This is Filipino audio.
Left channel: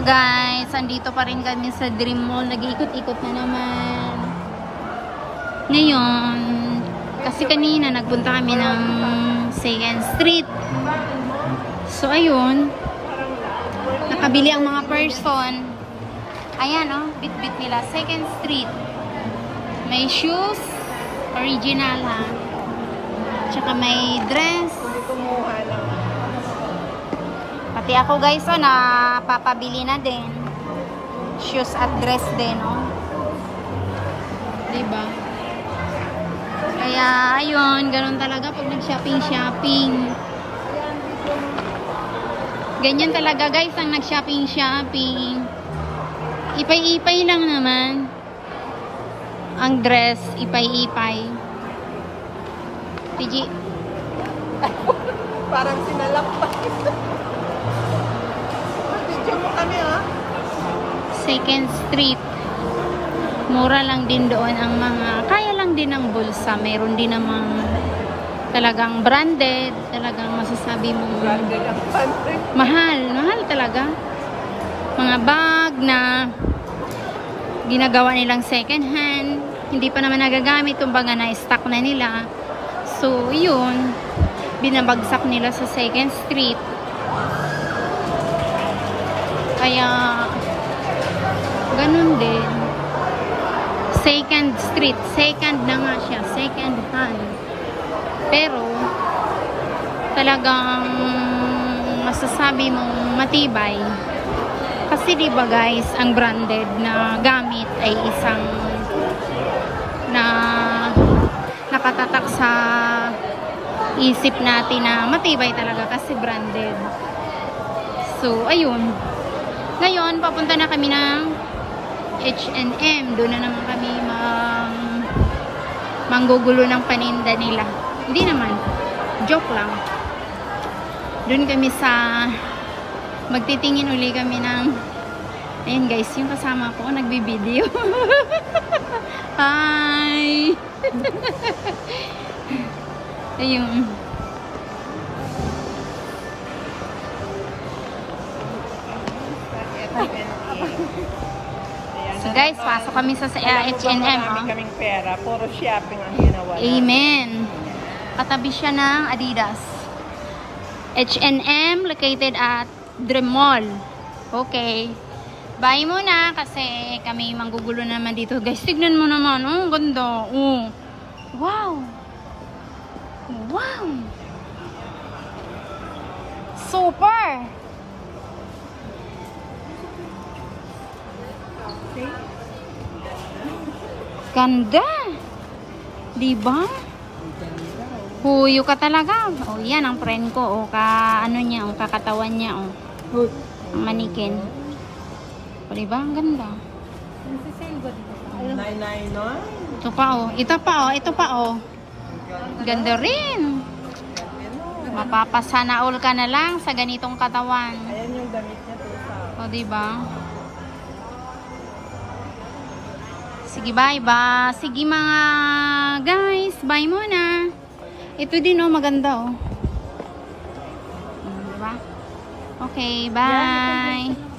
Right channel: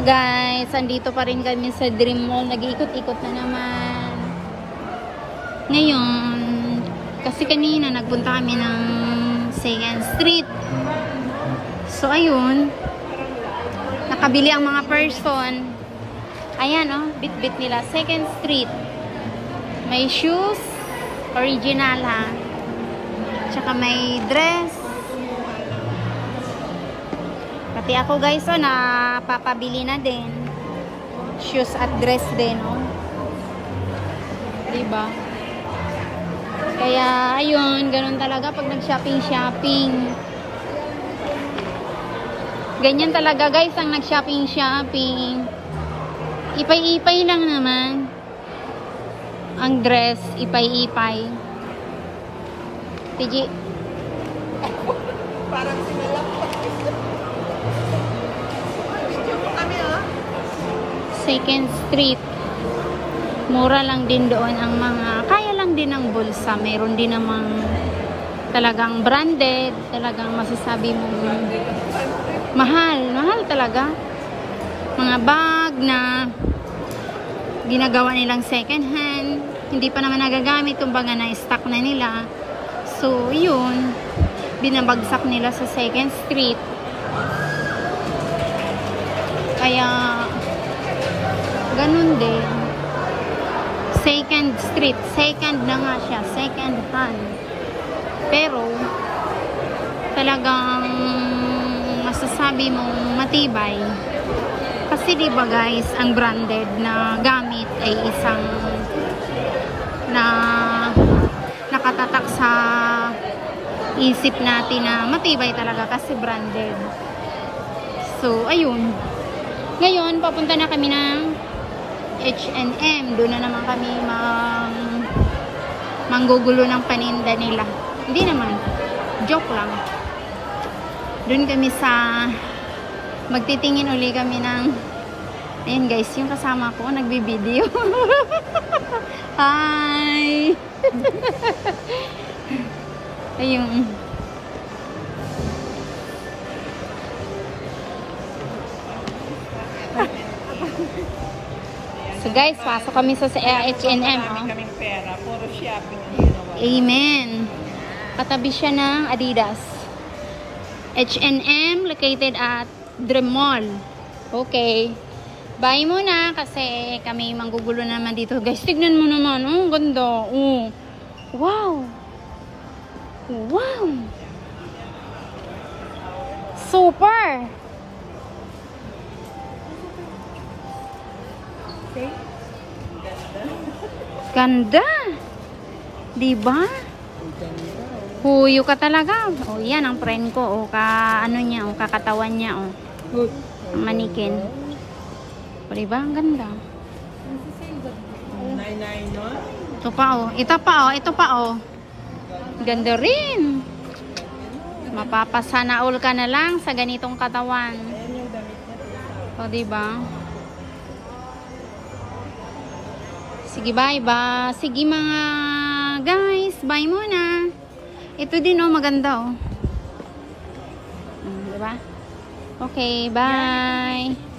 Hello guys, andito pa rin kami sa Dream Mall. Nag-iikot-ikot na naman. Ngayon, kasi kanina nagpunta kami ng 2nd Street. So ayun, nakabili ang mga person. Ayan oh, bit-bit nila. 2nd Street. May shoes, original ha. Tsaka may dress. Pati ako guys, oh, napapabili na din. Shoes at dress din, oh. Diba? Kaya, ayun, ganun talaga pag nag-shopping-shopping. Ganyan talaga guys, ang nag-shopping-shopping. Ipay-ipay lang naman. Ang dress, ipay-ipay. PG. Parang sinalampas. Video mo kami ha? 2nd Street. Mura lang din doon ang mga, kaya lang din ang bulsa. Meron din namang talagang branded, talagang masasabi mo mahal, mahal talaga. Mga bag na ginagawa nilang second hand, hindi pa naman nagagamit, kumbaga na-stock na nila. So, yun, binabagsak nila sa 2nd Street. Kaya, ganun din. 2nd Street. Second na nga siya. Second hand. Pero, talagang masasabi mong matibay. Kasi diba guys, ang branded na gamit ay isang na nakatatak sa isip natin na matibay talaga kasi branded. So, ayun. Ngayon, papunta na kami ng H&M. Doon na naman kami manggugulo ng paninda nila. Hindi naman. Joke lang. Doon kami sa magtitingin uli kami ng ayun guys, yung kasama ko nagbibideo. Hi! Ayun. So guys, pasok kami sa H&M. Kaming pera, puro shopping ang ginawa. Amen. Katabi siya ng Adidas. H&M located at Dream Mall. Okay. Bye muna kasi kami manggugulo naman dito. Guys, tignan mo naman. Oh, ang ganda. Oh. Wow. Wow. Super. Okay. Ganda. Diba? Ganda. Huyo ka talaga. Oh, yan ang friend ko. O ano niya, o kakatawan niya. O. Manikin. O, diba? Ang ganda. Nay, no? Ito pa, o. Ito pa, o. Ito pa, o. Ganda rin. Mapapasana all ka na lang sa ganitong katawan. Ayan yung damit niya. O, diba? Sige, bye. Sige mga guys. Bye muna. Ito din, oh. Maganda, oh. Diba? Okay, bye.